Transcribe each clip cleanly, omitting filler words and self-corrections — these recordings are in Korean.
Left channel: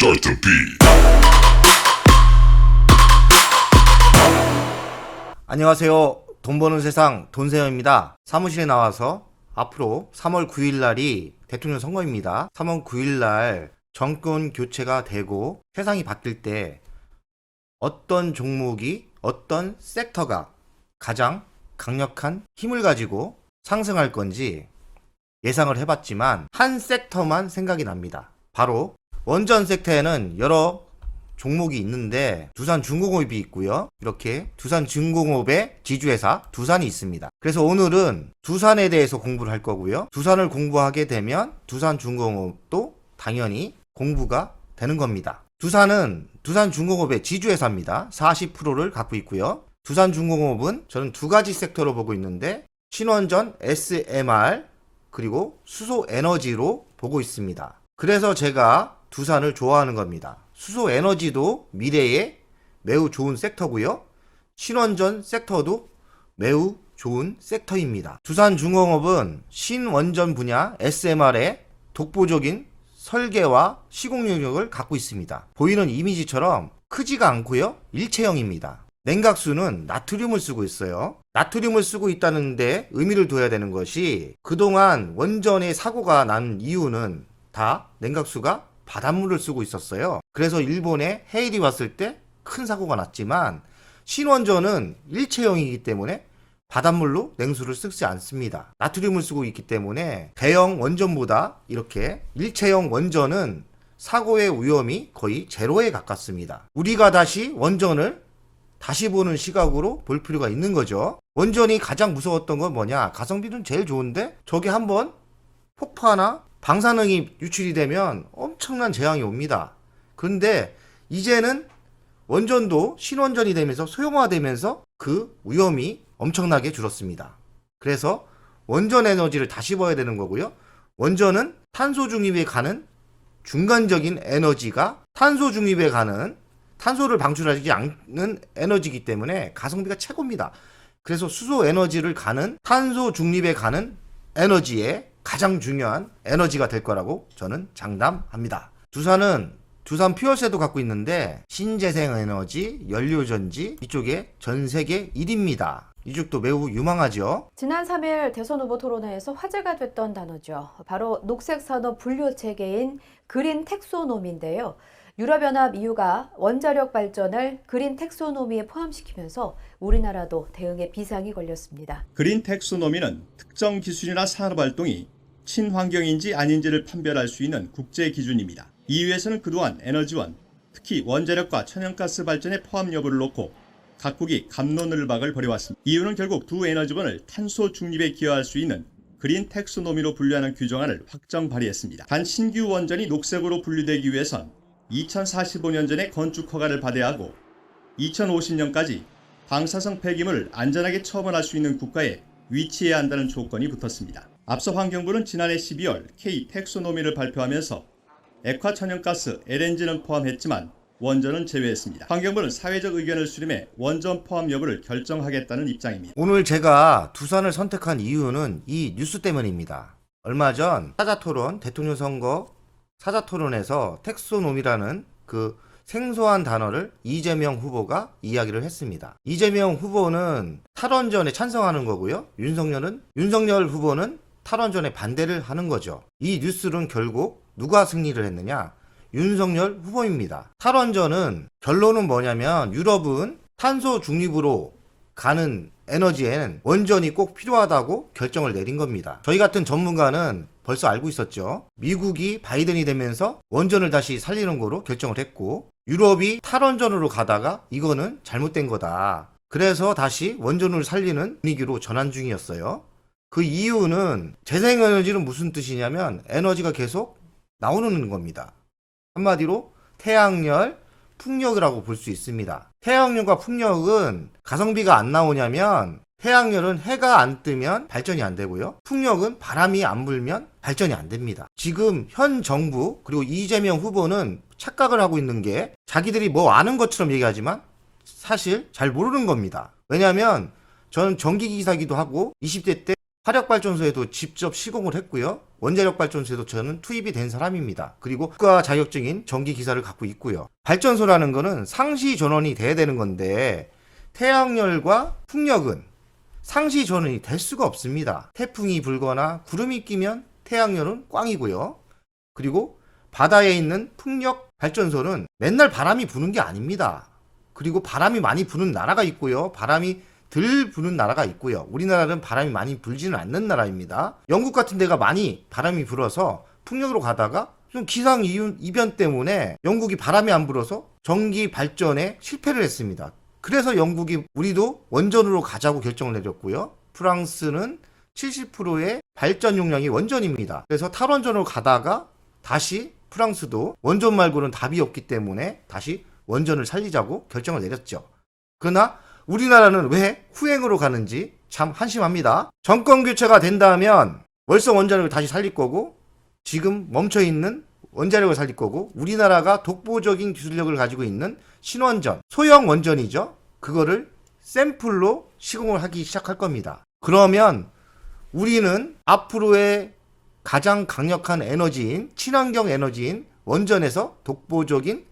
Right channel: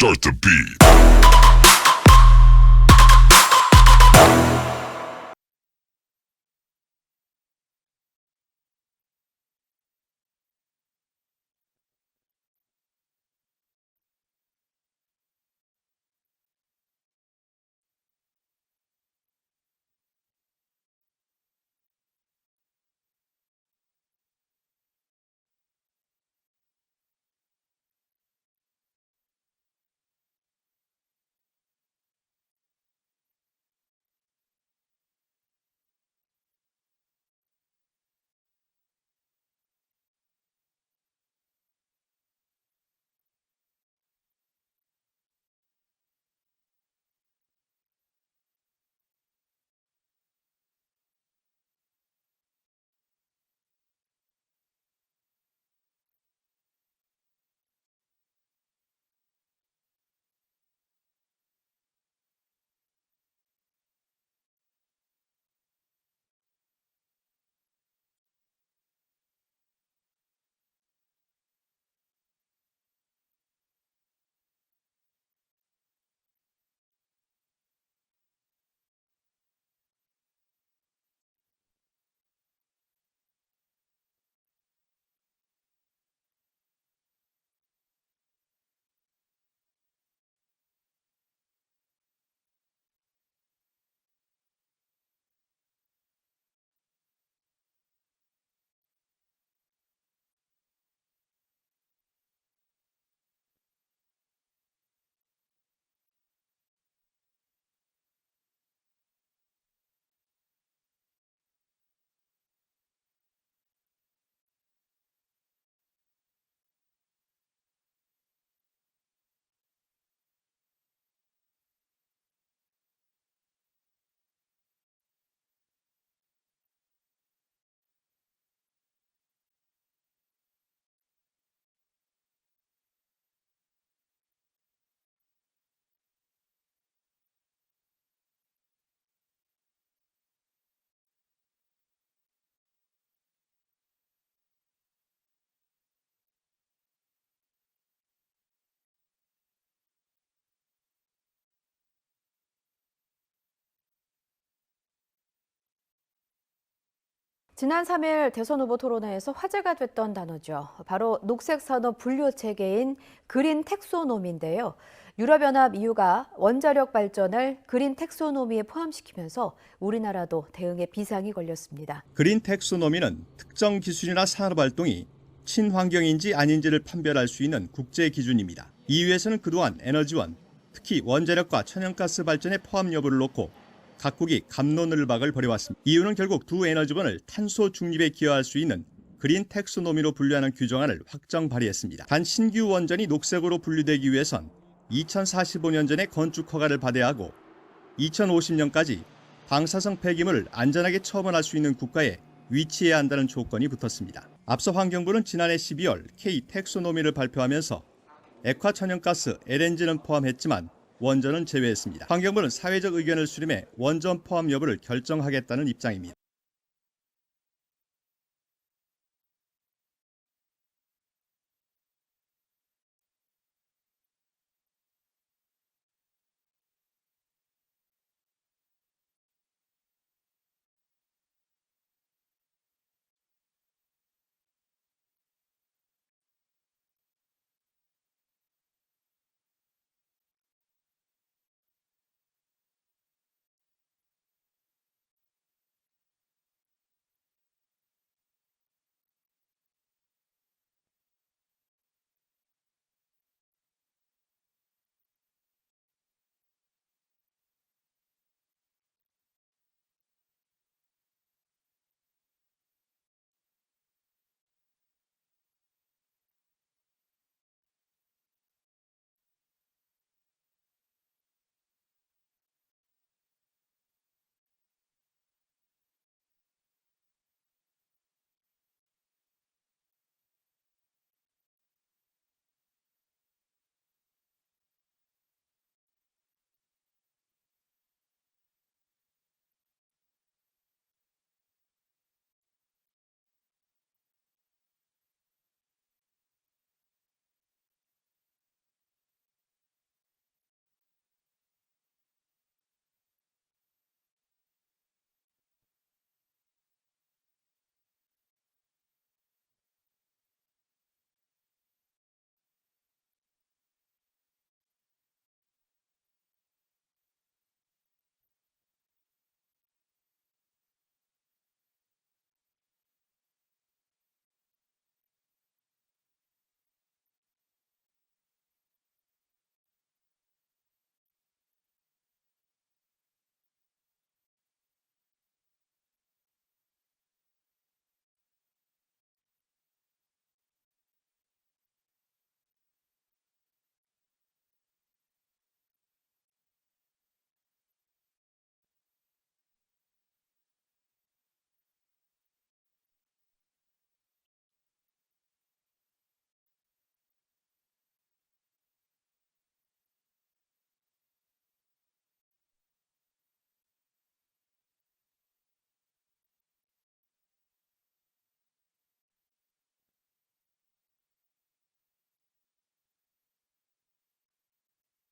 Start the beat. 안녕하세요. 돈 버는 세상 돈세영입니다. 사무실에 나와서 앞으로 3월 9일 날이 대통령 선거입니다. 3월 9일 날 정권 교체가 되고 세상이 바뀔 때 어떤 종목이 어떤 섹터가 가장 강력한 힘을 가지고 상승할 건지 예상을 해봤지만 한 섹터만 생각이 납니다. 바로 원전 섹터에는 여러 종목이 있는데 두산중공업이 있고요. 이렇게 두산중공업의 지주회사 두산이 있습니다. 그래서 오늘은 두산에 대해서 공부를 할 거고요. 두산을 공부하게 되면 두산중공업도 당연히 공부가 되는 겁니다. 두산은 두산중공업의 지주회사입니다. 40%를 갖고 있고요. 두산중공업은 저는 두 가지 섹터로 보고 있는데 신원전, SMR 그리고 수소에너지로 보고 있습니다. 그래서 제가 두산을 좋아하는 겁니다. 수소에너지도 미래에 매우 좋은 섹터고요. 신원전 섹터도 매우 좋은 섹터입니다. 두산중공업은 신원전 분야 SMR의 독보적인 설계와 시공 능력을 갖고 있습니다. 보이는 이미지처럼 크지가 않고요. 일체형입니다. 냉각수는 나트륨을 쓰고 있어요. 나트륨을 쓰고 있다는데 의미를 둬야 되는 것이 그동안 원전에 사고가 난 이유는 다 냉각수가 바닷물을 쓰고 있었어요. 그래서 일본에 해일이 왔을 때 큰 사고가 났지만 신원전은 일체형이기 때문에 바닷물로 냉수를 쓰지 않습니다. 나트륨을 쓰고 있기 때문에 대형 원전보다 이렇게 일체형 원전은 사고의 위험이 거의 제로에 가깝습니다. 우리가 다시 원전을 다시 보는 시각으로 볼 필요가 있는 거죠. 원전이 가장 무서웠던 건 뭐냐? 가성비는 제일 좋은데 저게 한번 폭파나 방사능이 유출이 되면 엄청난 재앙이 옵니다. 그런데 이제는 원전도 신원전이 되면서 소형화되면서 그 위험이 엄청나게 줄었습니다. 그래서 원전 에너지를 다시 봐야 되는 거고요. 원전은 탄소 중립에 가는 중간적인 에너지가 탄소 중립에 가는 탄소를 방출하지 않는 에너지이기 때문에 가성비가 최고입니다. 그래서 수소 에너지를 가는 탄소 중립에 가는 에너지에 가장 중요한 에너지가 될 거라고 저는 장담합니다. 두산은 두산 퓨얼셀도 갖고 있는데 신재생에너지, 연료전지 이쪽에 전 세계 1위입니다. 이쪽도 매우 유망하죠. 지난 3일 대선 후보 토론회에서 화제가 됐던 단어죠. 바로 녹색산업 분류체계인 그린 텍소노미인데요. 유럽연합 EU가 원자력 발전을 그린 텍소노미에 포함시키면서 우리나라도 대응에 비상이 걸렸습니다. 그린 텍소노미는 특정 기술이나 산업활동이 친환경인지 아닌지를 판별할 수 있는 국제 기준입니다. EU에서는 그동안 에너지원, 특히 원자력과 천연가스 발전의 포함 여부를 놓고 각국이 갑론을박을 벌여왔습니다. EU는 결국 두 에너지원을 탄소 중립에 기여할 수 있는 그린 텍소노미로 분류하는 규정안을 확정 발의했습니다. 단 신규 원전이 녹색으로 분류되기 위해선 2045년 전에 건축 허가를 받아야 하고 2050년까지 방사성 폐기물을 안전하게 처분할 수 있는 국가에 위치해야 한다는 조건이 붙었습니다. 앞서 환경부는 지난해 12월 K 텍소노미를 발표하면서 액화 천연가스 LNG는 포함했지만 원전은 제외했습니다. 환경부는 사회적 의견을 수렴해 원전 포함 여부를 결정하겠다는 입장입니다. 오늘 제가 두산을 선택한 이유는 이 뉴스 때문입니다. 얼마 전 사자토론 대통령 선거 사자토론에서 텍소노미라는 그 생소한 단어를 이재명 후보가 이야기를 했습니다. 이재명 후보는 탈원전에 찬성하는 거고요. 윤석열 후보는 탈원전에 반대를 하는 거죠. 이 뉴스는 결국 누가 승리를 했느냐? 윤석열 후보입니다. 탈원전은 결론은 뭐냐면 유럽은 탄소 중립으로 가는 에너지에는 원전이 꼭 필요하다고 결정을 내린 겁니다. 저희 같은 전문가는 벌써 알고 있었죠. 미국이 바이든이 되면서 원전을 다시 살리는 거로 결정을 했고 유럽이 탈원전으로 가다가 이거는 잘못된 거다. 그래서 다시 원전을 살리는 분위기로 전환 중이었어요. 그 이유는 재생에너지는 무슨 뜻이냐면 에너지가 계속 나오는 겁니다. 한마디로 태양열, 풍력이라고 볼 수 있습니다. 태양열과 풍력은 가성비가 안 나오냐면 태양열은 해가 안 뜨면 발전이 안 되고요. 풍력은 바람이 안 불면 발전이 안 됩니다. 지금 현 정부 그리고 이재명 후보는 착각을 하고 있는 게 자기들이 뭐 아는 것처럼 얘기하지만 사실 잘 모르는 겁니다. 왜냐하면 저는 전기기사기도 하고 20대 때 화력발전소에도 직접 시공을 했고요. 원자력발전소에도 저는 투입이 된 사람입니다. 그리고 국가 자격증인 전기기사를 갖고 있고요. 발전소라는 거는 상시 전원이 돼야 되는 건데 태양열과 풍력은 상시 전원이 될 수가 없습니다. 태풍이 불거나 구름이 끼면 태양열은 꽝이고요. 그리고 바다에 있는 풍력 발전소는 맨날 바람이 부는 게 아닙니다. 그리고 바람이 많이 부는 나라가 있고요. 바람이 덜 부는 나라가 있고요. 우리나라는 바람이 많이 불지는 않는 나라입니다. 영국 같은 데가 많이 바람이 불어서 풍력으로 가다가 좀 기상 이변 때문에 영국이 바람이 안 불어서 전기 발전에 실패를 했습니다. 그래서 영국이 우리도 원전으로 가자고 결정을 내렸고요. 프랑스는 70%의 발전 용량이 원전입니다. 그래서 탈원전으로 가다가 다시 프랑스도 원전 말고는 답이 없기 때문에 다시 원전을 살리자고 결정을 내렸죠. 그러나 우리나라는 왜 후행으로 가는지 참 한심합니다. 정권 교체가 된다면 월성 원자력을 다시 살릴 거고 지금 멈춰있는 원자력을 살릴 거고 우리나라가 독보적인 기술력을 가지고 있는 신원전, 소형 원전이죠. 그거를 샘플로 시공을 하기 시작할 겁니다. 그러면 우리는 앞으로의 가장 강력한 에너지인 친환경 에너지인 원전에서 독보적인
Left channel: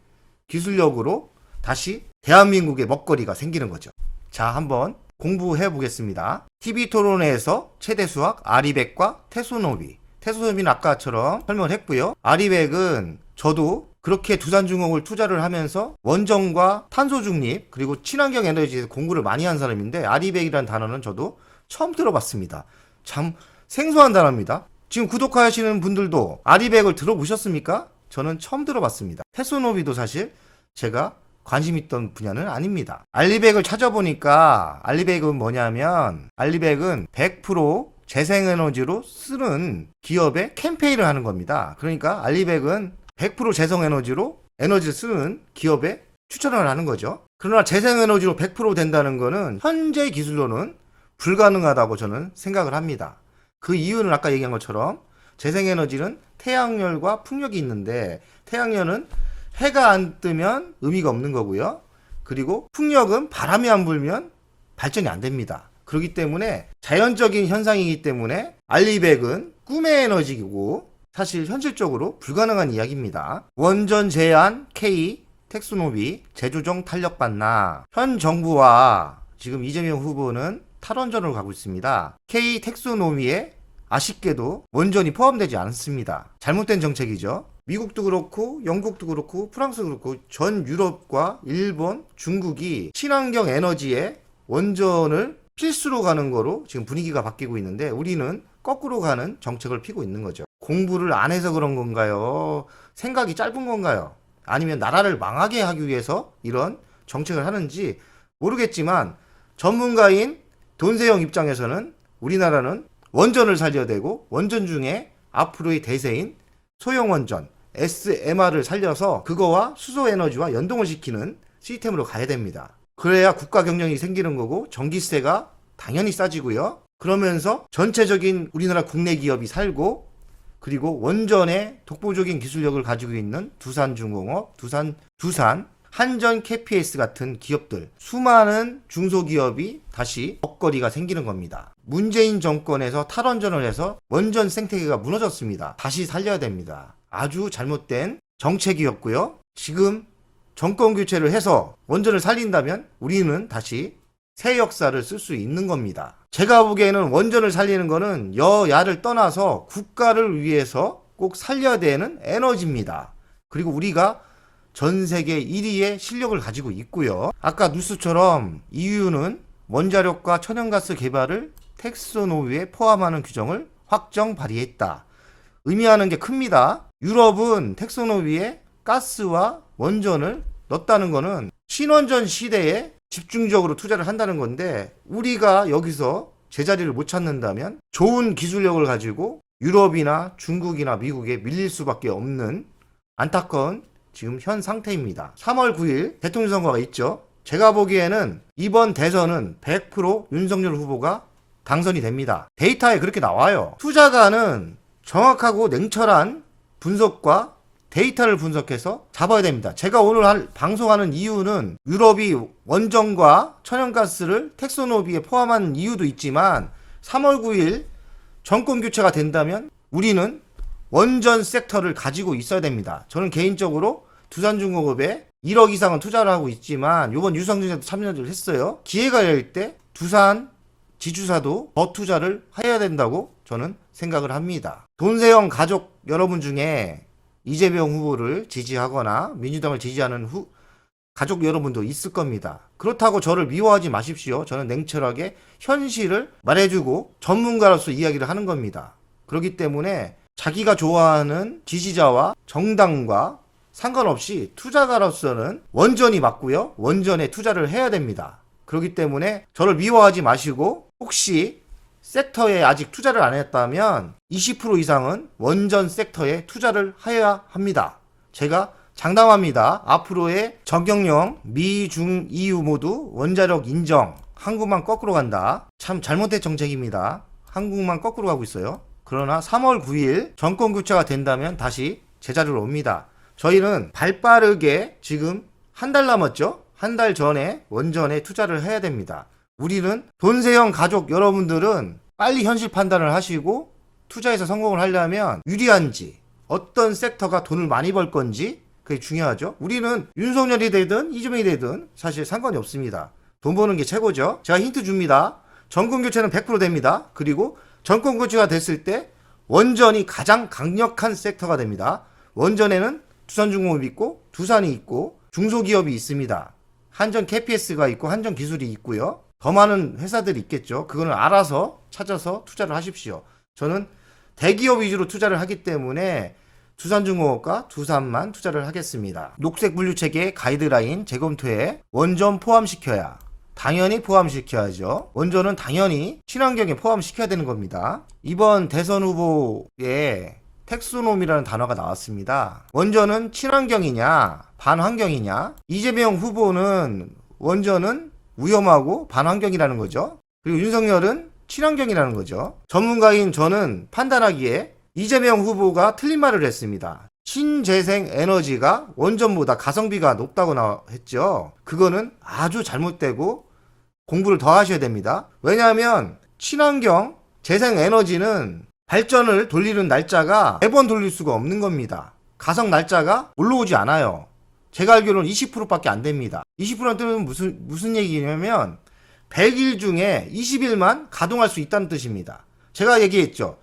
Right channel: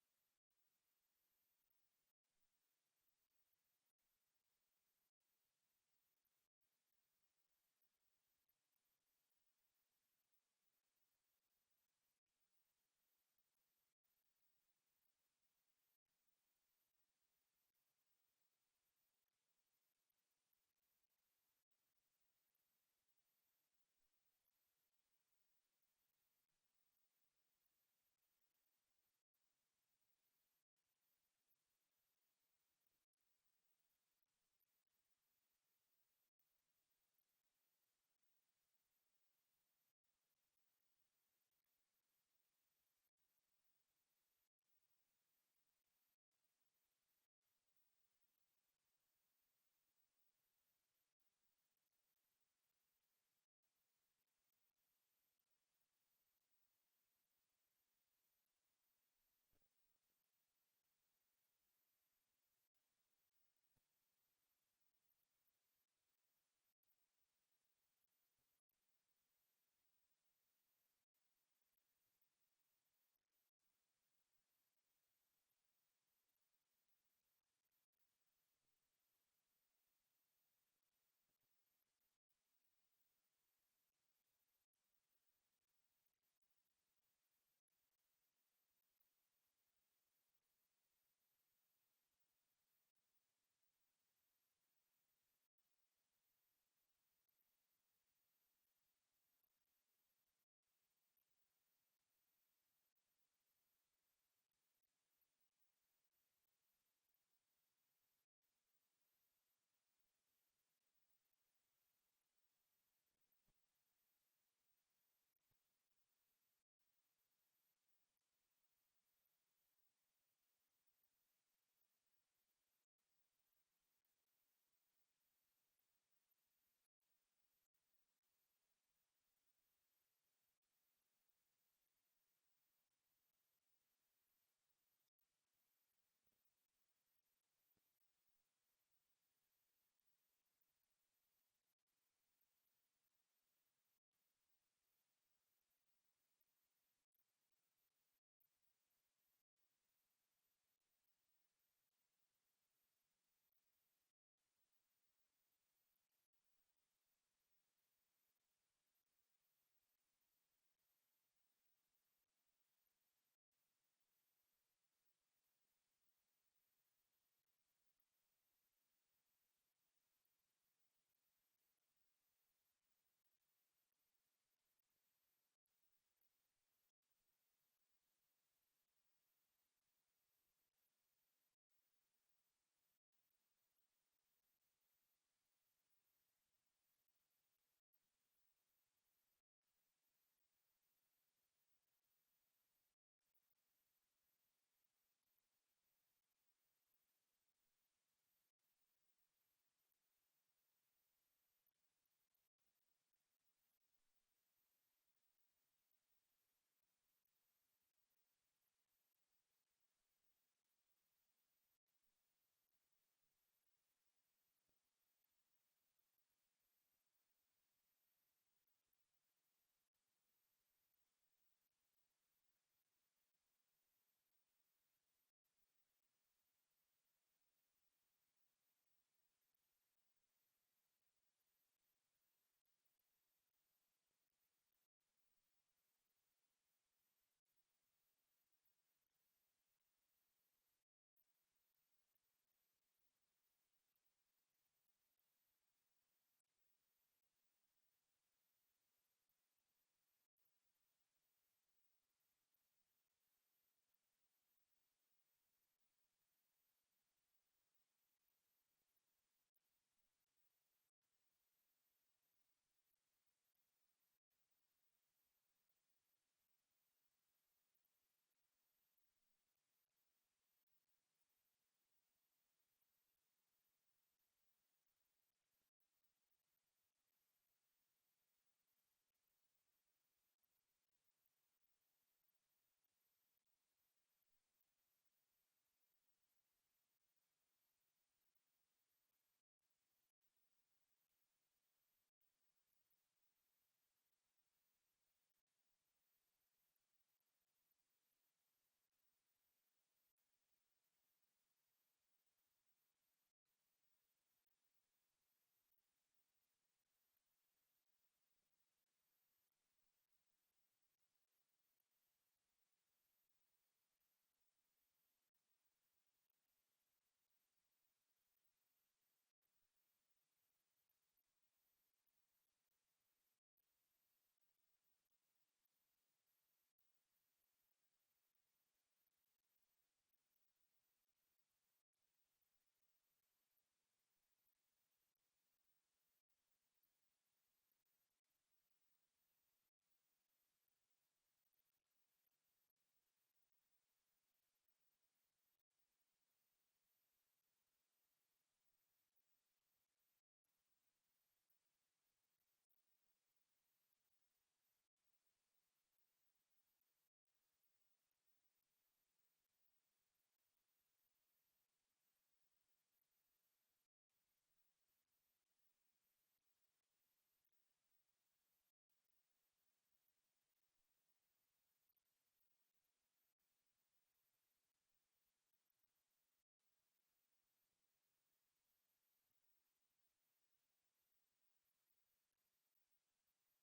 기술력으로 다시 대한민국의 먹거리가 생기는 거죠. 자, 한번 공부해 보겠습니다. TV토론회에서 최대 수학 아리백과 태소노비. 태소노비는 아까처럼 설명을 했고요. 아리백은 저도 그렇게 두산중공을 투자를 하면서 원전과 탄소 중립 그리고 친환경 에너지에서 공부를 많이 한 사람인데 아리백이라는 단어는 저도 처음 들어봤습니다. 참 생소한 단어입니다. 지금 구독하시는 분들도 아리백을 들어보셨습니까? 저는 처음 들어봤습니다. 태소노비도 사실 제가 관심 있던 분야는 아닙니다. 알리백을 찾아보니까 알리백은 뭐냐면 알리백은 100% 재생에너지로 쓰는 기업의 캠페인을 하는 겁니다. 그러니까 알리백은 100% 재생에너지로 에너지를 쓰는 기업에 추천을 하는 거죠. 그러나 재생에너지로 100% 된다는 거는 현재 기술로는 불가능하다고 저는 생각을 합니다. 그 이유는 아까 얘기한 것처럼 재생에너지는 태양열과 풍력이 있는데 태양열은 해가 안 뜨면 의미가 없는 거고요. 그리고 풍력은 바람이 안 불면 발전이 안 됩니다. 그렇기 때문에 자연적인 현상이기 때문에 알리백은 꿈의 에너지이고 사실 현실적으로 불가능한 이야기입니다. 원전 제한 K 텍소노비 재조정 탄력받나. 현 정부와 지금 이재명 후보는 탈원전으로 가고 있습니다. K 텍소노미에 아쉽게도 원전이 포함되지 않습니다. 잘못된 정책이죠. 미국도 그렇고 영국도 그렇고 프랑스도 그렇고 전 유럽과 일본, 중국이 친환경 에너지에 원전을 필수로 가는 거로 지금 분위기가 바뀌고 있는데 우리는 거꾸로 가는 정책을 피고 있는 거죠. 공부를 안 해서 그런 건가요? 생각이 짧은 건가요? 아니면 나라를 망하게 하기 위해서 이런 정책을 하는지 모르겠지만 전문가인 돈세영 입장에서는 우리나라는 원전을 살려야 되고 원전 중에 앞으로의 대세인 소형원전 SMR을 살려서 그거와 수소에너지와 연동을 시키는 시스템으로 가야 됩니다. 그래야 국가 경영이 생기는 거고 전기세가 당연히 싸지고요. 그러면서 전체적인 우리나라 국내 기업이 살고 그리고 원전의 독보적인 기술력을 가지고 있는 두산중공업, 두산 한전 KPS 같은 기업들 수많은 중소기업이 다시 먹거리가 생기는 겁니다. 문재인 정권에서 탈원전을 해서 원전 생태계가 무너졌습니다. 다시 살려야 됩니다. 아주 잘못된 정책이었고요. 지금 정권 교체를 해서 원전을 살린다면 우리는 다시 새 역사를 쓸 수 있는 겁니다. 제가 보기에는 원전을 살리는 거는 여야를 떠나서 국가를 위해서 꼭 살려야 되는 에너지입니다. 그리고 우리가 전 세계 1위의 실력을 가지고 있고요. 아까 뉴스처럼 EU는 원자력과 천연가스 개발을 텍소노미에 포함하는 규정을 확정 발의했다. 의미하는 게 큽니다. 유럽은 텍소노미에 가스와 원전을 넣었다는 거는 신원전 시대에 집중적으로 투자를 한다는 건데 우리가 여기서 제자리를 못 찾는다면 좋은 기술력을 가지고 유럽이나 중국이나 미국에 밀릴 수밖에 없는 안타까운 지금 현 상태입니다. 3월 9일 대통령 선거가 있죠. 제가 보기에는 이번 대선은 100% 윤석열 후보가 당선이 됩니다. 데이터에 그렇게 나와요. 투자가는 정확하고 냉철한 분석과 데이터를 분석해서 잡아야 됩니다. 제가 오늘 방송하는 이유는 유럽이 원전과 천연가스를 텍소노비에 포함한 이유도 있지만 3월 9일 정권 교체가 된다면 우리는 원전 섹터를 가지고 있어야 됩니다. 저는 개인적으로 두산중공업에 1억 이상은 투자를 하고 있지만 이번 유성증자도 참여를 했어요. 기회가 열릴 때 두산 지주사도 더 투자를 해야 된다고 저는 생각을 합니다. 돈세영 가족 여러분 중에 이재명 후보를 지지하거나 민주당을 지지하는 가족 여러분도 있을 겁니다. 그렇다고 저를 미워하지 마십시오. 저는 냉철하게 현실을 말해주고 전문가로서 이야기를 하는 겁니다. 그렇기 때문에 자기가 좋아하는 지지자와 정당과 상관없이 투자가로서는 원전이 맞고요. 원전에 투자를 해야 됩니다. 그렇기 때문에 저를 미워하지 마시고 혹시 섹터에 아직 투자를 안 했다면 20% 이상은 원전 섹터에 투자를 해야 합니다. 제가 장담합니다. 앞으로의 정경영, 미, 중, EU 모두 원자력 인정, 한국만 거꾸로 간다. 참 잘못된 정책입니다. 한국만 거꾸로 가고 있어요. 그러나 3월 9일 정권 교체가 된다면 다시 제자리로 옵니다. 저희는 발빠르게 지금 한 달 남았죠? 한 달 전에 원전에 투자를 해야 됩니다. 우리는 돈세영 가족 여러분들은 빨리 현실 판단을 하시고 투자해서 성공을 하려면 유리한지 어떤 섹터가 돈을 많이 벌 건지 그게 중요하죠. 우리는 윤석열이 되든 이재명이 되든 사실 상관이 없습니다. 돈 버는 게 최고죠. 제가 힌트 줍니다. 정권 교체는 100% 됩니다. 그리고 정권 교체가 됐을 때 원전이 가장 강력한 섹터가 됩니다. 원전에는 두산중공업이 있고 두산이 있고 중소기업이 있습니다. 한전 KPS가 있고 한전 기술이 있고요. 더 많은 회사들이 있겠죠. 그거는 알아서 찾아서 투자를 하십시오. 저는 대기업 위주로 투자를 하기 때문에 두산중공업과 두산만 투자를 하겠습니다. 녹색 분류 체계 가이드라인 재검토에 원전 포함시켜야 당연히 포함시켜야죠. 원전은 당연히 친환경에 포함시켜야 되는 겁니다. 이번 대선 후보에 텍소놈이라는 단어가 나왔습니다. 원전은 친환경이냐 반환경이냐. 이재명 후보는 원전은 위험하고 반환경이라는 거죠. 그리고 윤석열은 친환경이라는 거죠. 전문가인 저는 판단하기에 이재명 후보가 틀린 말을 했습니다. 신재생 에너지가 원전보다 가성비가 높다고 했죠. 그거는 아주 잘못되고 공부를 더 하셔야 됩니다. 왜냐하면 친환경 재생 에너지는 발전을 돌리는 날짜가 매번 돌릴 수가 없는 겁니다. 가성 날짜가 올라오지 않아요. 제가 알기로는 20%밖에 안 됩니다. 20%는 무슨 얘기냐면 100일 중에 20일만 가동할 수 있다는 뜻입니다. 제가 얘기했죠.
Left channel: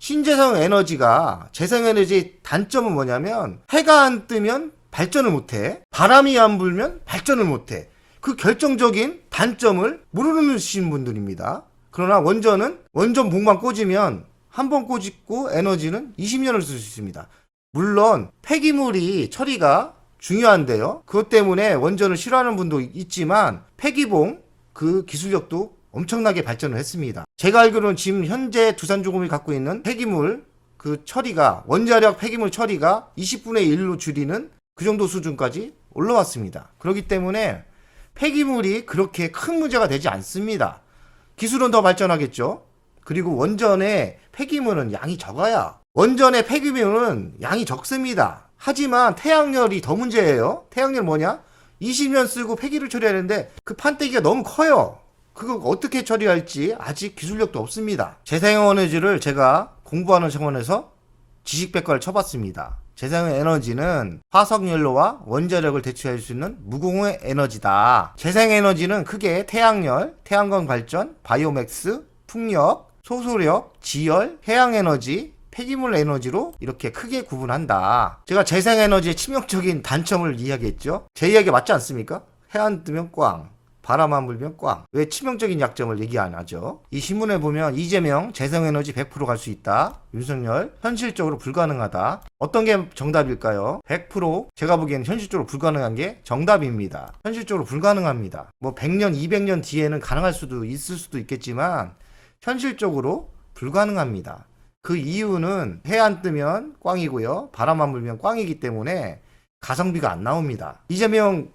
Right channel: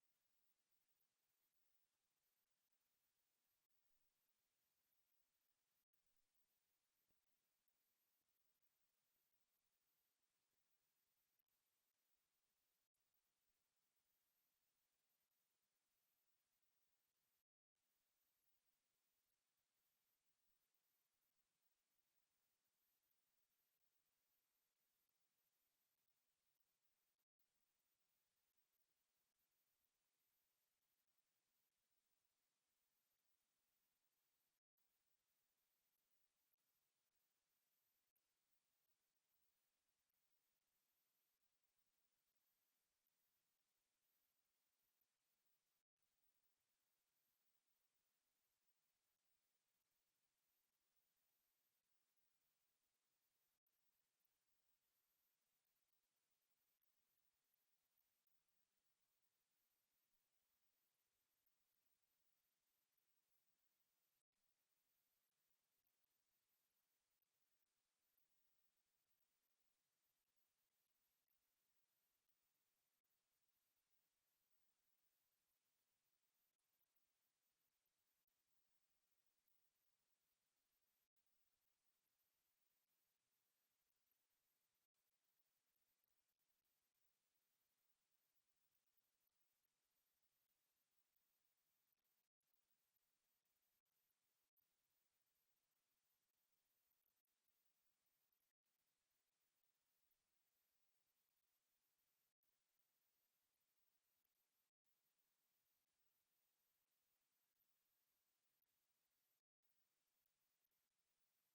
신재생 에너지가 재생에너지의 단점은 뭐냐면 해가 안 뜨면 발전을 못해. 바람이 안 불면 발전을 못해. 그 결정적인 단점을 모르시는 분들입니다. 그러나 원전은 원전 봉만 꽂으면 한 번 꽂고 에너지는 20년을 쓸 수 있습니다. 물론 폐기물이 처리가 중요한데요. 그것 때문에 원전을 싫어하는 분도 있지만 폐기봉 그 기술력도 엄청나게 발전을 했습니다. 제가 알기로는 지금 현재 두산중공업이 갖고 있는 폐기물 그 처리가 원자력 폐기물 처리가 20분의 1로 줄이는 그 정도 수준까지 올라왔습니다. 그렇기 때문에 폐기물이 그렇게 큰 문제가 되지 않습니다. 기술은 더 발전하겠죠. 그리고 원전의 폐기물은 양이 적어야 원전의 폐기물은 양이 적습니다. 하지만 태양열이 더 문제예요. 태양열 뭐냐? 20년 쓰고 폐기를 처리하는데 그 판때기가 너무 커요. 그거 어떻게 처리할지 아직 기술력도 없습니다. 재생에너지를 제가 공부하는 차원에서 지식백과를 쳐봤습니다. 재생에너지는 화석연료와 원자력을 대체할 수 있는 무공해 에너지다. 재생에너지는 크게 태양열, 태양광 발전, 바이오맥스, 풍력, 소소력, 지열, 해양에너지, 폐기물 에너지로 이렇게 크게 구분한다. 제가 재생에너지의 치명적인 단점을 이야기했죠. 제 이야기가 맞지 않습니까? 해 안 뜨면 꽝, 바람 안 불면 꽝. 왜 치명적인 약점을 얘기 안 하죠? 이 신문에 보면 이재명 재생에너지 100% 갈 수 있다. 윤석열 현실적으로 불가능하다. 어떤 게 정답일까요? 100% 제가 보기에는 현실적으로 불가능한 게 정답입니다. 현실적으로 불가능합니다. 뭐 100년, 200년 뒤에는 가능할 수도 있을 수도 있겠지만 현실적으로 불가능합니다. 그 이유는 해 안 뜨면 꽝이고요. 바람 안 불면 꽝이기 때문에 가성비가 안 나옵니다. 이재명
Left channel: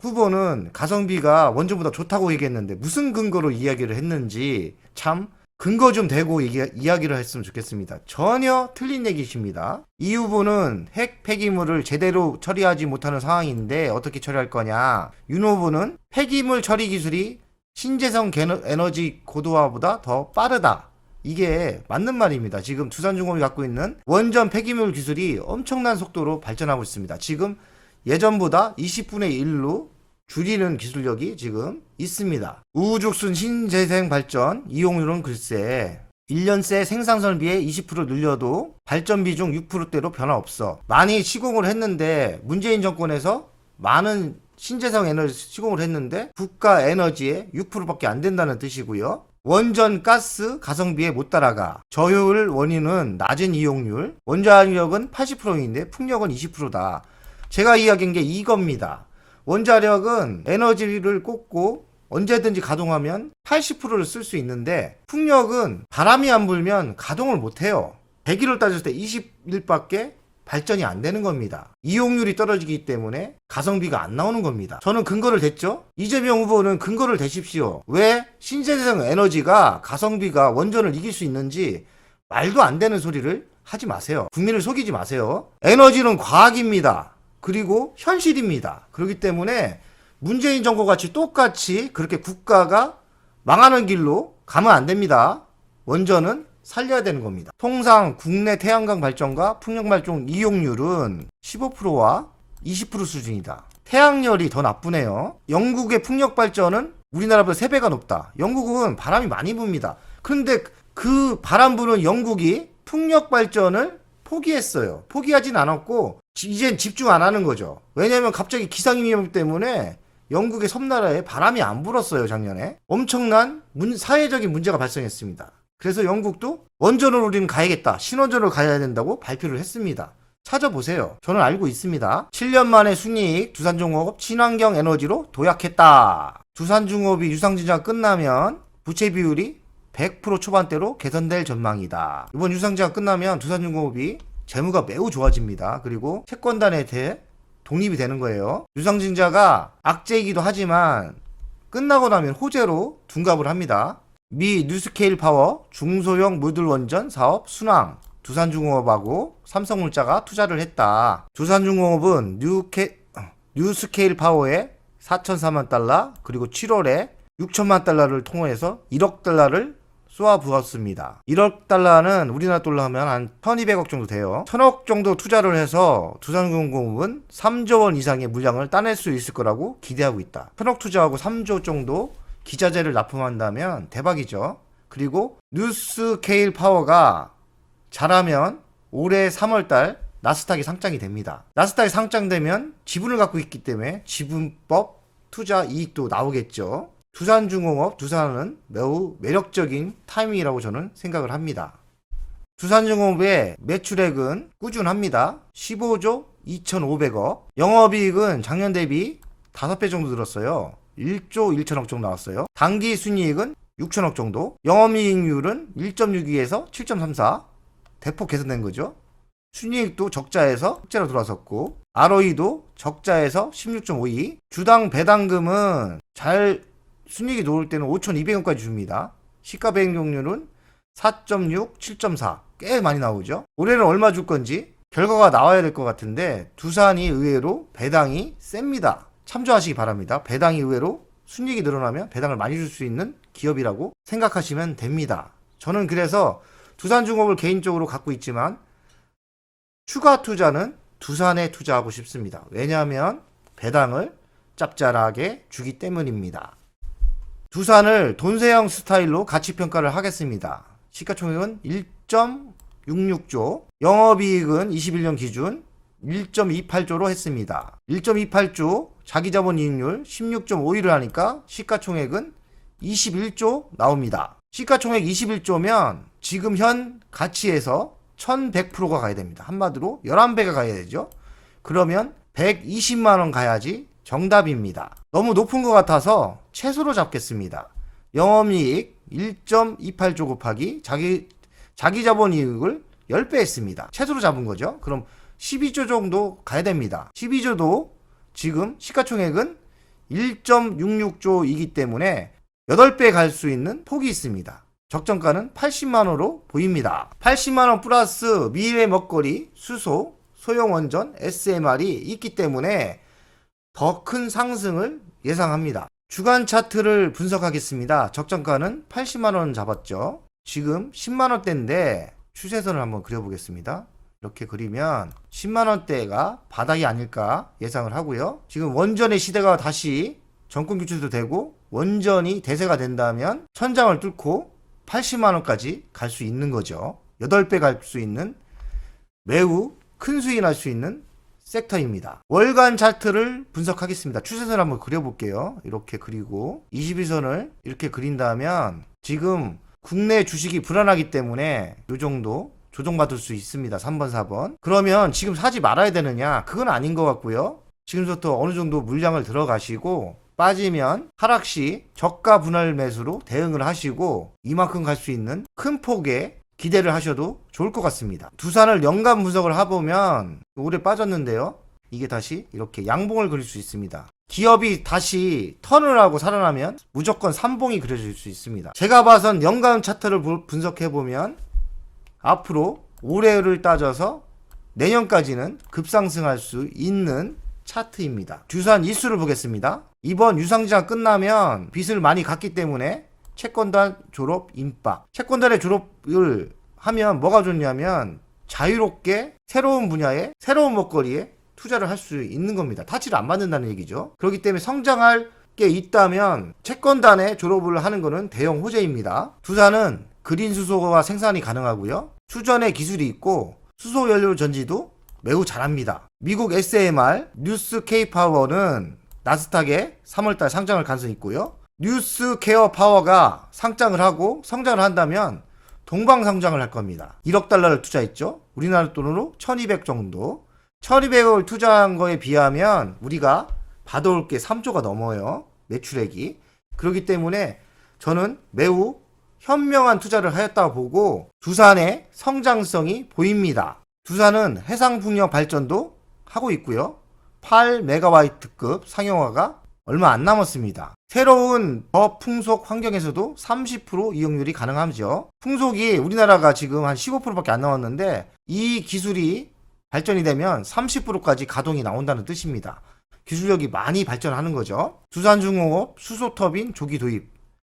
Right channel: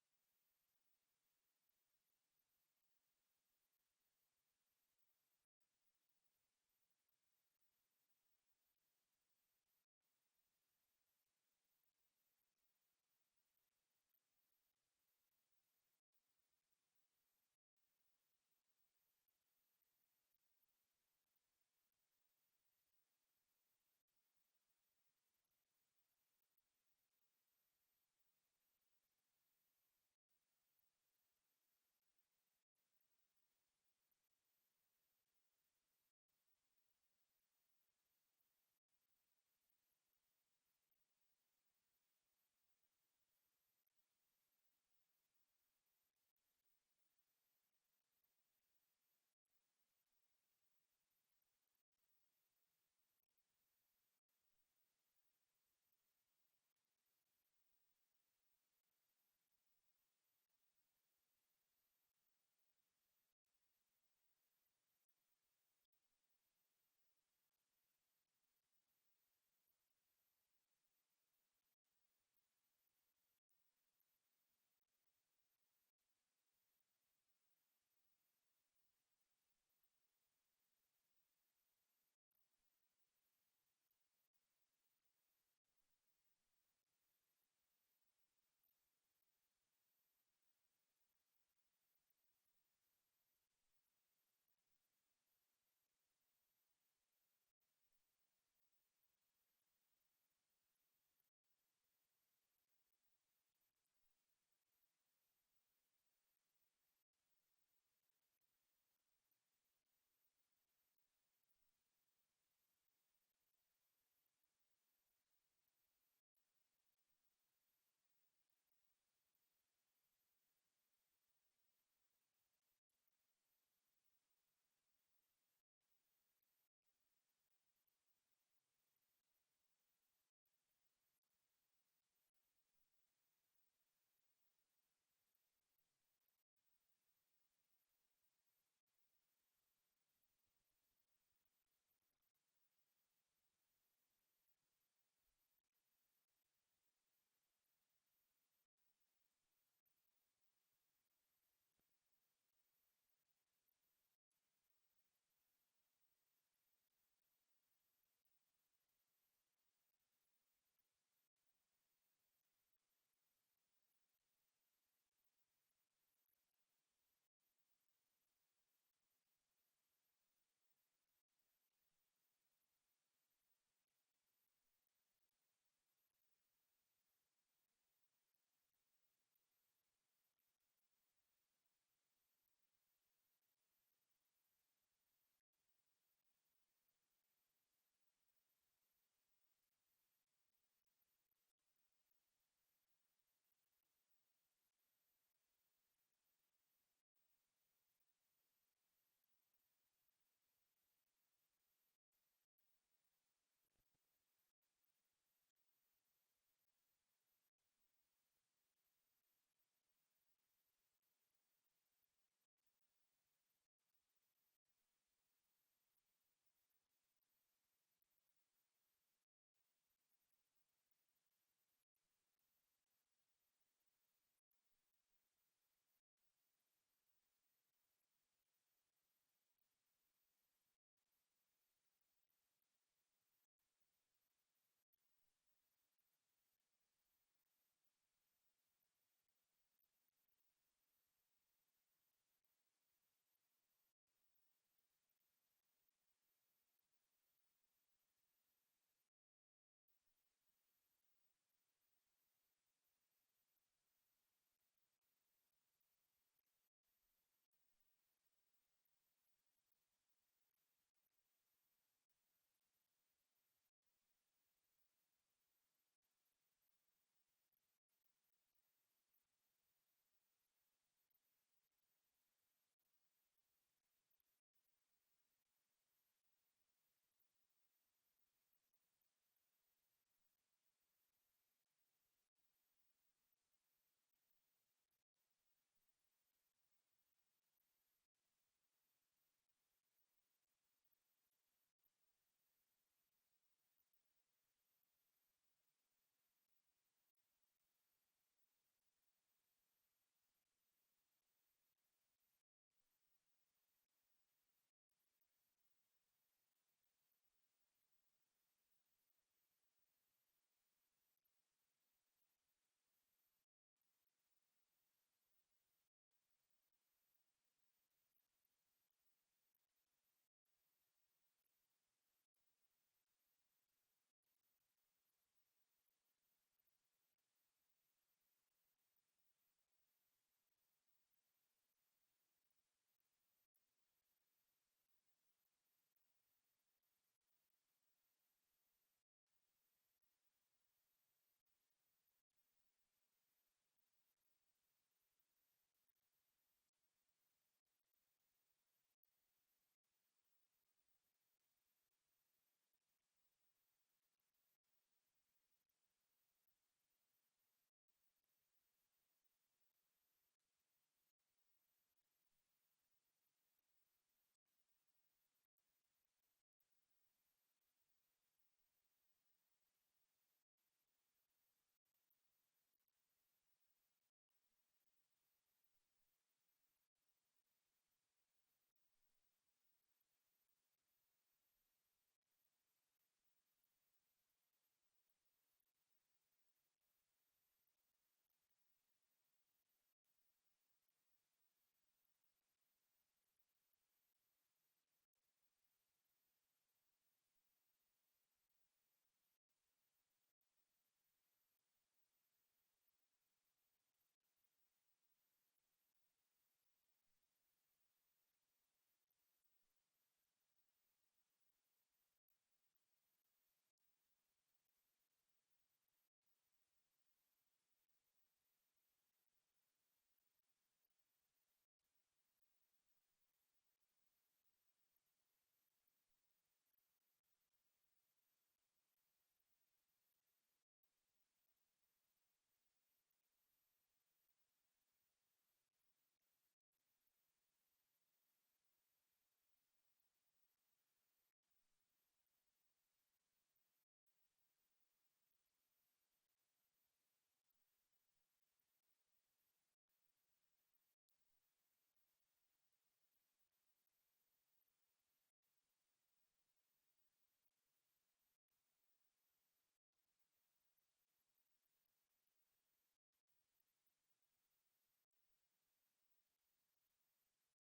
후보는 가성비가 원전보다 좋다고 얘기했는데 무슨 근거로 이야기를 했는지 참 근거 좀 대고 이야기를 했으면 좋겠습니다. 전혀 틀린 얘기십니다. 이 후보는 핵 폐기물을 제대로 처리하지 못하는 상황인데 어떻게 처리할 거냐. 윤 후보는 폐기물 처리 기술이 신재생 에너지 고도화보다 더 빠르다. 이게 맞는 말입니다. 지금 두산중공업이 갖고 있는 원전 폐기물 기술이 엄청난 속도로 발전하고 있습니다. 지금 예전보다 20분의 1로 줄이는 기술력이 지금 있습니다. 우후죽순 신재생 발전 이용률은 글쎄 1년 새 생산선을 비해 20% 늘려도 발전 비중 6%대로 변화 없어. 많이 시공을 했는데 문재인 정권에서 많은 신재생 에너지 시공을 했는데 국가 에너지의 6%밖에 안 된다는 뜻이고요. 원전 가스 가성비에 못 따라가. 저효율 원인은 낮은 이용률, 원자력은 80%인데 풍력은 20%다. 제가 이야기한 게 이겁니다. 원자력은 에너지를 꽂고 언제든지 가동하면 80%를 쓸 수 있는데 풍력은 바람이 안 불면 가동을 못 해요. 100일을 따졌을 때 20일밖에 발전이 안 되는 겁니다. 이용률이 떨어지기 때문에 가성비가 안 나오는 겁니다. 저는 근거를 댔죠. 이재명 후보는 근거를 대십시오. 왜 신재생 에너지가 가성비가 원전을 이길 수 있는지 말도 안 되는 소리를 하지 마세요. 국민을 속이지 마세요. 에너지는 과학입니다. 그리고 현실입니다. 그렇기 때문에 문재인 정부 같이 똑같이 그렇게 국가가 망하는 길로 가면 안 됩니다. 원전은 살려야 되는 겁니다. 통상 국내 태양광 발전과 풍력 발전 이용률은 15%와 20% 수준이다. 태양열이 더 나쁘네요. 영국의 풍력 발전은 우리나라보다 3배가 높다. 영국은 바람이 많이 붑니다. 그런데 그 바람 부는 영국이 풍력 발전을 포기했어요. 포기하진 않았고 이젠 집중 안 하는 거죠. 왜냐하면 갑자기 기상위험 때문에 영국의 섬나라에 바람이 안 불었어요. 작년에 엄청난 사회적인 문제가 발생했습니다. 그래서 영국도 원전으로 우리는 가야겠다, 신원전으로 가야 된다고 발표를 했습니다. 찾아보세요. 저는 알고 있습니다. 7년 만에 순이익 두산중공업 친환경 에너지로 도약했다. 두산중공업이 유상증자가 끝나면 부채 비율이 100% 초반대로 개선될 전망이다. 이번 유상증자가 끝나면 두산중공업이 재무가 매우 좋아집니다. 그리고 채권단에 대해 독립이 되는 거예요. 유상증자가 악재이기도 하지만 끝나고 나면 호재로 둔갑을 합니다. 미 뉴스케일 파워 중소형 모듈 원전 사업 순항 두산중공업하고 삼성물자가 투자를 했다. 두산중공업은 뉴스케일 파워에 4,400만 달러 그리고 7월에 6천만 달러를 통해서 1억 달러를 쏘아 부었습니다. 1억 달러는 우리나라 돈으로 하면 한 1200억 정도 돼요. 1000억 정도 투자를 해서 두산중공업은 3조 원 이상의 물량을 따낼 수 있을 거라고 기대하고 있다. 1000억 투자하고 3조 정도 기자재를 납품한다면 대박이죠. 그리고 뉴스케일 파워가 잘하면 올해 3월달 나스닥이 상장이 됩니다. 나스닥이 상장되면 지분을 갖고 있기 때문에 지분법 투자 이익도 나오겠죠. 두산중공업, 두산은 매우 매력적인 타이밍이라고 저는 생각을 합니다. 두산중공업의 매출액은 꾸준합니다. 15조 2,500억. 영업이익은 작년 대비 5배 정도 늘었어요. 1조 1천억 정도 나왔어요. 당기 순이익은 6천억 정도. 영업이익률은 1.62에서 7.34 대폭 개선된 거죠. 순이익도 적자에서 흑자로 돌아섰고 ROE도 적자에서 16.52. 주당 배당금은 잘 순이익이 놓을 때는 5,200원까지 줍니다. 시가배당률은 4.6, 7.4 꽤 많이 나오죠. 올해는 얼마 줄 건지 결과가 나와야 될 것 같은데 두산이 의외로 배당이 셉니다. 참조하시기 바랍니다. 배당이 의외로 순이익이 늘어나면 배당을 많이 줄 수 있는 기업이라고 생각하시면 됩니다. 저는 그래서 두산중공업을 개인적으로 갖고 있지만 추가 투자는 두산에 투자하고 싶습니다. 왜냐하면 배당을 짭짤하게 주기 때문입니다. 두산을 돈세형 스타일로 가치평가를 하겠습니다. 시가총액은 1.66조, 영업이익은 21년 기준 1.28조로 했습니다. 1.28조 자기자본이익률 16.51을 하니까 시가총액은 21조 나옵니다. 시가총액 21조면 지금 현 가치에서 1100%가 가야 됩니다. 한마디로 11배가 가야 되죠. 그러면 120만원 가야지 정답입니다. 너무 높은 것 같아서 최소로 잡겠습니다. 영업이익 1.28조 곱하기 자기자본이익을 10배 했습니다. 최소로 잡은 거죠. 그럼 12조 정도 가야 됩니다. 12조도 지금 시가총액은 1.66조이기 때문에 8배 갈 수 있는 폭이 있습니다. 적정가는 80만원으로 보입니다. 80만원 플러스 미래 먹거리, 수소, 소형원전, SMR이 있기 때문에 더 큰 상승을 예상합니다. 주간 차트를 분석하겠습니다. 적정가는 80만원 잡았죠. 지금 10만원대인데 추세선을 한번 그려보겠습니다. 이렇게 그리면 10만원대가 바닥이 아닐까 예상을 하고요. 지금 원전의 시대가 다시 정권 교체도 되고 원전이 대세가 된다면 천장을 뚫고 80만원까지 갈 수 있는 거죠. 8배 갈 수 있는 매우 큰 수익이 날 수 있는 섹터입니다. 월간 차트를 분석하겠습니다. 추세선을 한번 그려볼게요. 이렇게 그리고 21선을 이렇게 그린다면 지금 국내 주식이 불안하기 때문에 이 정도 조정받을 수 있습니다. 3번, 4번. 그러면 지금 사지 말아야 되느냐? 그건 아닌 것 같고요. 지금부터 어느 정도 물량을 들어가시고 빠지면 하락시 저가 분할 매수로 대응을 하시고 이만큼 갈 수 있는 큰 폭의 기대를 하셔도 좋을 것 같습니다. 두산을 연간 분석을 해보면 올해 빠졌는데요. 이게 다시 이렇게 양봉을 그릴 수 있습니다. 기업이 다시 턴을 하고 살아나면 무조건 삼봉이 그려질 수 있습니다. 제가 봐선 연간 차트를 분석해보면 앞으로 올해를 따져서 내년까지는 급상승할 수 있는 차트입니다. 두산 이수를 보겠습니다. 이번 유상증자 끝나면 빚을 많이 갚기 때문에 채권단 졸업 임박. 채권단의 졸업을 하면 뭐가 좋냐면 자유롭게 새로운 분야에 새로운 먹거리에 투자를 할 수 있는 겁니다. 타치를 안 받는다는 얘기죠. 그렇기 때문에 성장할 게 있다면 채권단에 졸업을 하는 것은 대형 호재입니다. 두산은 그린 수소가 생산이 가능하고요. 수전의 기술이 있고 수소 연료 전지도 매우 잘합니다. 미국 SMR 뉴스 K파워는 나스닥에 3월달 상장할 가능성이 있고요. 뉴스 케어 파워가 상장을 하고 성장을 한다면 동방상장을 할 겁니다. 1억 달러를 투자했죠. 우리나라 돈으로 1200 정도. 1200억을 투자한 거에 비하면 우리가 받아올 게 3조가 넘어요. 매출액이. 그렇기 때문에 저는 매우 현명한 투자를 하였다고 보고 두산의 성장성이 보입니다. 두산은 해상풍력 발전도 하고 있고요. 8메가와트급 상용화가 얼마 안 남았습니다. 새로운 저풍속 환경에서도 30% 이용률이 가능하죠. 풍속이 우리나라가 지금 한 15%밖에 안 나왔는데 이 기술이 발전이 되면 30%까지 가동이 나온다는 뜻입니다. 기술력이 많이 발전하는 거죠. 두산중공업 수소터빈 조기 도입.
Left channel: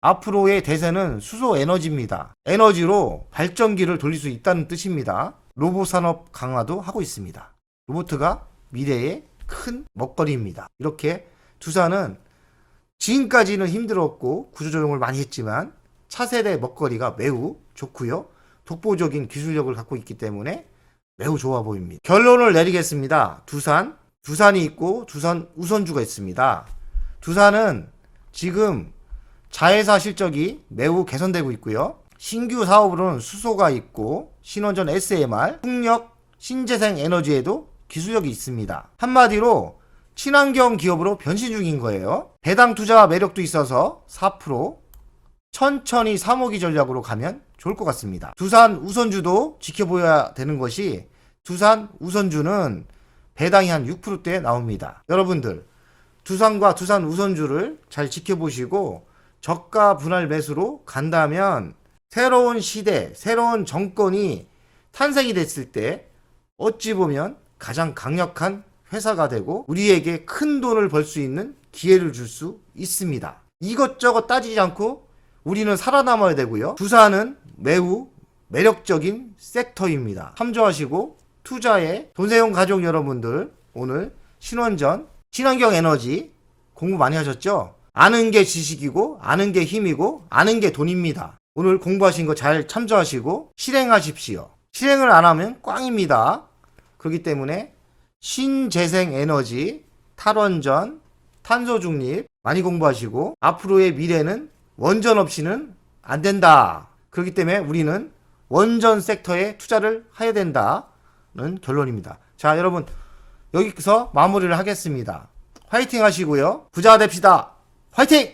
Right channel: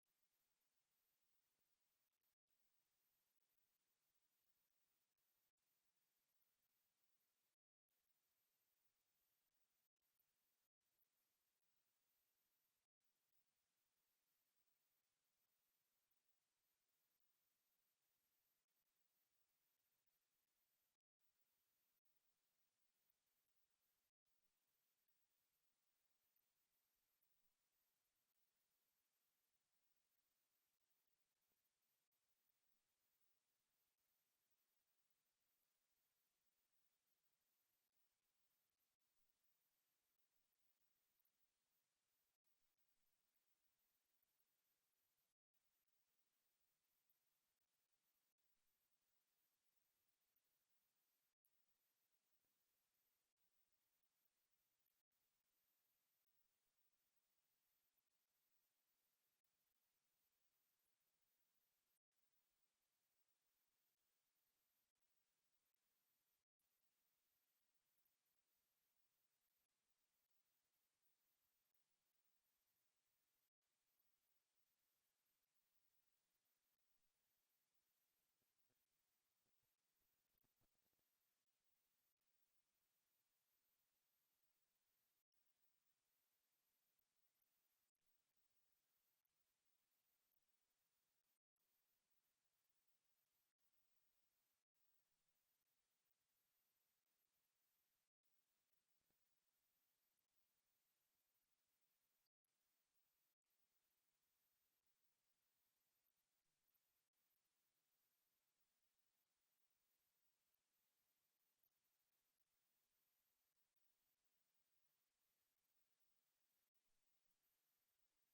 앞으로의 대세는 수소 에너지입니다. 에너지로 발전기를 돌릴 수 있다는 뜻입니다. 로봇 산업 강화도 하고 있습니다. 로봇가 미래의 큰 먹거리입니다. 이렇게 두산은 지금까지는 힘들었고 구조조정을 많이 했지만 차세대 먹거리가 매우 좋고요. 독보적인 기술력을 갖고 있기 때문에 매우 좋아 보입니다. 결론을 내리겠습니다. 두산이 있고 두산 우선주가 있습니다. 두산은 지금 자회사 실적이 매우 개선되고 있고요. 신규 사업으로는 수소가 있고 신원전 SMR, 풍력, 신재생 에너지에도 기술력이 있습니다. 한마디로 친환경 기업으로 변신 중인 거예요. 배당 투자 매력도 있어서 4% 천천히 3호기 전략으로 가면 좋을 것 같습니다. 두산 우선주도 지켜보아야 되는 것이 두산 우선주는 배당이 한 6%대 나옵니다. 여러분들 두산과 두산 우선주를 잘 지켜보시고 저가 분할 매수로 간다면 새로운 시대, 새로운 정권이 탄생이 됐을 때 어찌 보면 가장 강력한 회사가 되고 우리에게 큰 돈을 벌 수 있는 기회를 줄 수 있습니다. 이것저것 따지지 않고 우리는 살아남아야 되고요. 두산은 매우 매력적인 섹터입니다. 참조하시고 투자에 돈세용 가족 여러분들 오늘 신원전, 친환경 에너지 공부 많이 하셨죠? 아는 게 지식이고 아는 게 힘이고 아는 게 돈입니다. 오늘 공부하신 거 잘 참조하시고 실행하십시오. 실행을 안 하면 꽝입니다. 그렇기 때문에 신재생 에너지, 탈원전, 탄소 중립 많이 공부하시고 앞으로의 미래는 원전 없이는 안 된다. 그렇기 때문에 우리는 원전 섹터에 투자를 해야 된다는 결론입니다. 자, 여러분 여기서 마무리를 하겠습니다. 화이팅 하시고요. 부자 됩시다. 화이팅!